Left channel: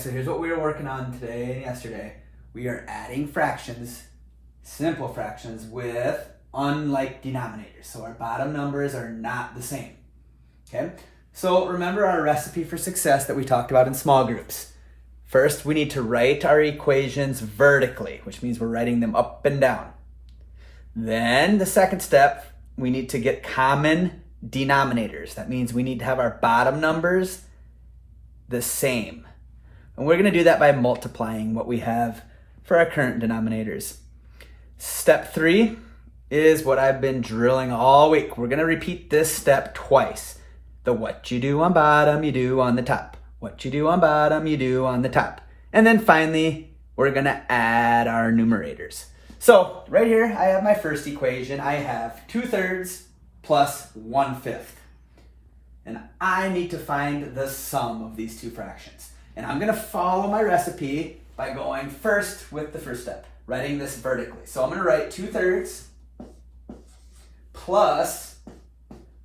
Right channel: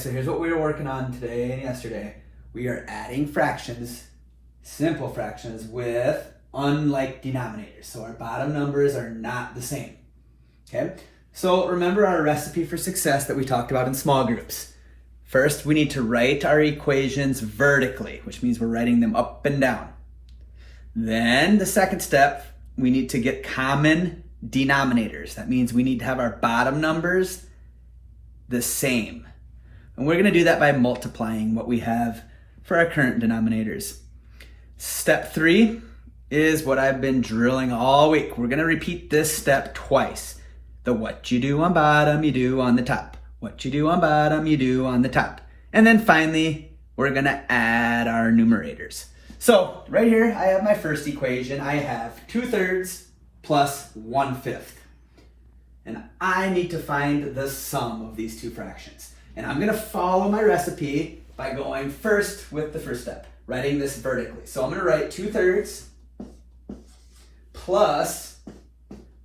so here's what we were working on today and yesterday. We are adding fractions, simple fractions, with unlike denominators. So our bottom numbers are not the same. Okay? So remember our recipe for success that we talked about in small groups. First, we need to write our equations vertically, which means we're writing them up and down. Then the second step, we need to get common denominators. That means we need to have our bottom numbers the same. And we're going to do that by multiplying what we have for our current denominators. Step 3 is what I've been drilling all week. We're going to repeat this step twice. The what you do on bottom, you do on the top. What you do on bottom, you do on the top. And then finally, we're going to add our numerators. So right here, I have my first equation. I have 2/3 plus 1/5. And I need to find the sum of these two fractions. And I'm going to follow my recipe by going first with the first step, writing this vertically. So I'm going to write 2/3 plus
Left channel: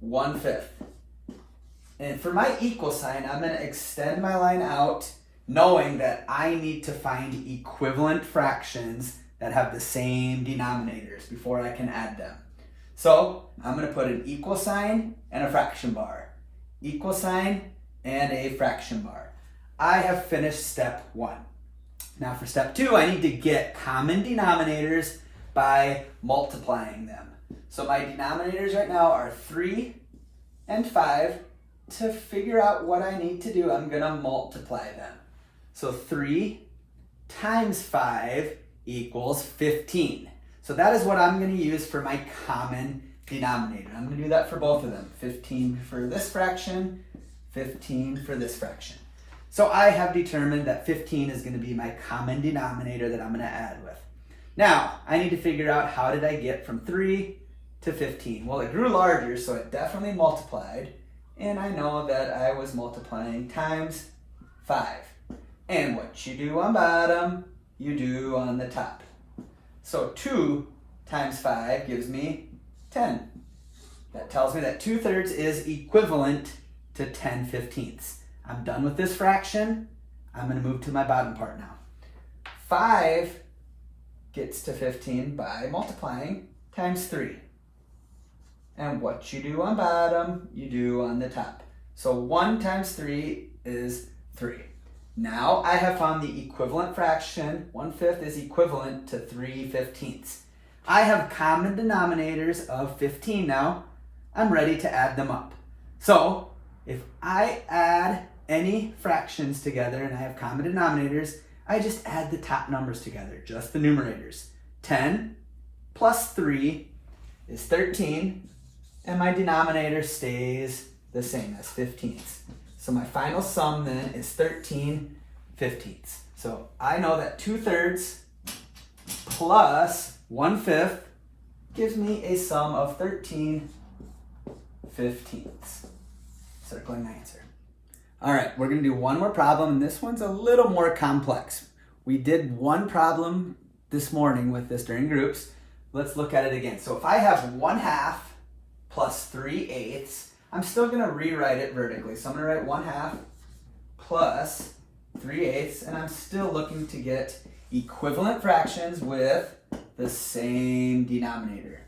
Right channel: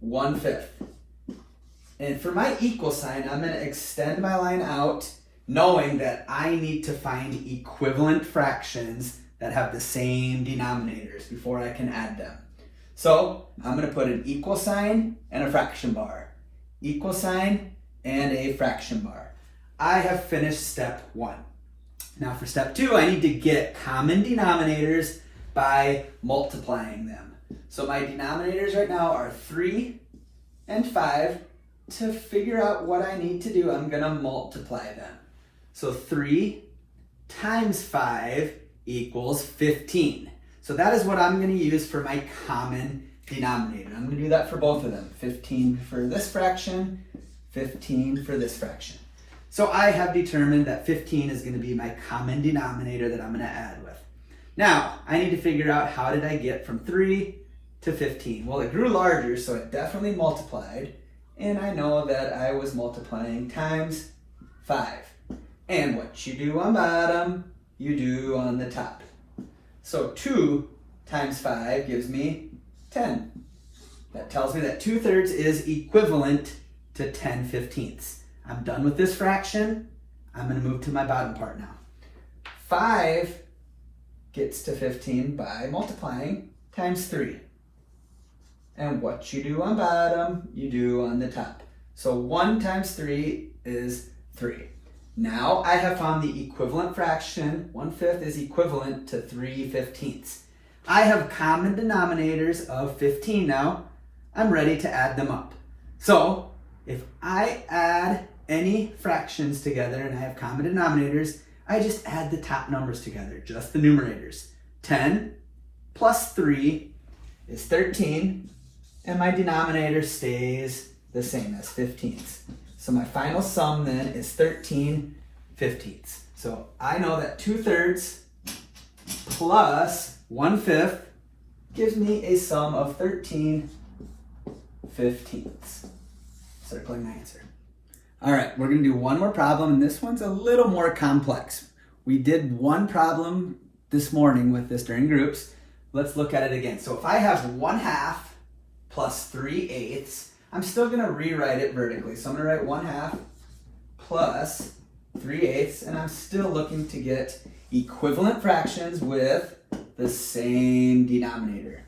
1/5. And for my equal sign, I'm going to extend my line out, knowing that I need to find equivalent fractions that have the same denominators before I can add them. So I'm going to put an equal sign and a fraction bar. Equal sign and a fraction bar. I have finished step 1. Now for step 2, I need to get common denominators by multiplying them. So my denominators right now are 3 and 5. To figure out what I need to do, I'm going to multiply them. So 3 times 5 equals 15. So that is what I'm going to use for my common denominator. I'm going to do that for both of them. 15 for this fraction, 15 for this fraction. So I have determined that 15 is going to be my common denominator that I'm going to add with. Now, I need to figure out how did I get from 3 to 15. Well, it grew larger, so it definitely multiplied. And I know that I was multiplying times 5. And what you do on bottom, you do on the top. So 2 times 5 gives me 10. That tells me that 2/3 is equivalent to 10/15. I'm done with this fraction. I'm going to move to my bottom part now. 5 gets to 15 by multiplying times 3. And what you do on bottom, you do on the top. So 1 times 3 is 3. Now I have found the equivalent fraction. 1/5 is equivalent to 3/15. I have common denominators of 15 now. I'm ready to add them up. So if I add any fractions together and I have common denominators, I just add the top numbers together, just the numerators. 10 plus 3 is 13. And my denominator stays the same as 15ths. So my final sum then is 13/15. So I know that 2/3 plus 1/5 gives me a sum of 13/15. Circling my answer. All right, we're going to do one more problem, and this one's a little more complex. We did one problem this morning with this during groups. Let's look at it again. So if I have 1/2 plus 3/8, I'm still going to rewrite it vertically. So I'm going to write 1/2 plus 3/8, and I'm still looking to get equivalent fractions with the same denominator.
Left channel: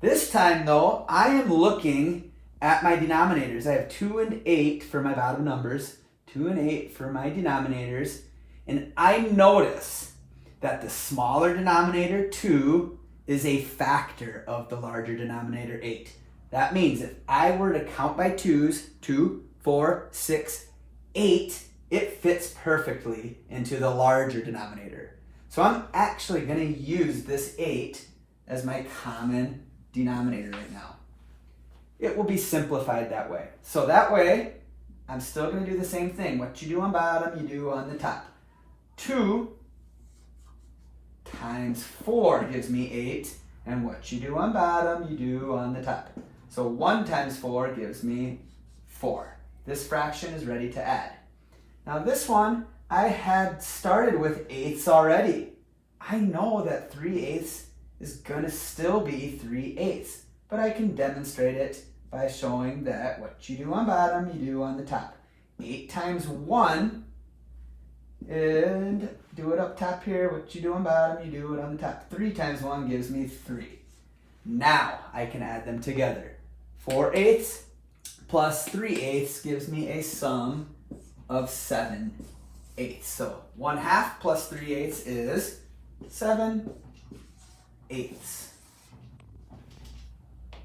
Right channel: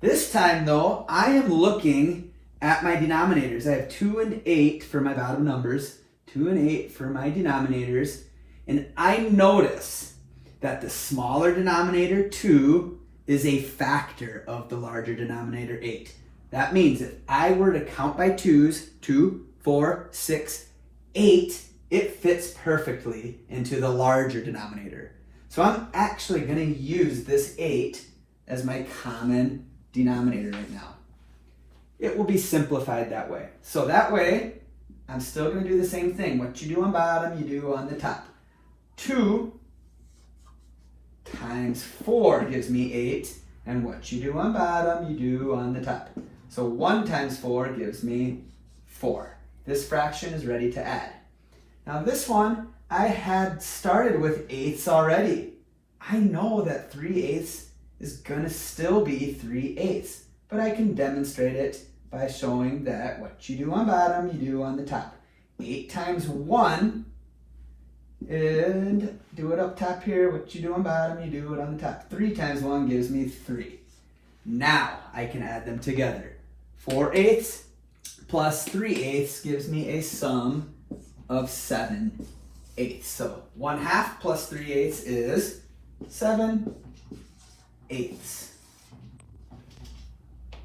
This time, though, I am looking at my denominators. I have 2 and 8 for my bottom numbers, 2 and 8 for my denominators, and I notice that the smaller denominator, 2, is a factor of the larger denominator, 8. That means if I were to count by 2s, 2, 4, 6, 8, it fits perfectly into the larger denominator. So I'm actually going to use this 8 as my common denominator right now. It will be simplified that way. So that way, I'm still going to do the same thing. What you do on bottom, you do on the top. 2 times 4 gives me 8. And what you do on bottom, you do on the top. So 1 times 4 gives me 4. This fraction is ready to add. Now this one, I had started with 8ths already. I know that 3/8 is going to still be 3/8, but I can demonstrate it by showing that what you do on bottom, you do on the top. 8 times 1 And do it up top here. What you do on bottom, you do it on the top. 3 times 1 gives me 3. Now I can add them together. 4/8 plus 3/8 gives me a sum of 7/8. So 1/2 plus 3/8 is 7/8.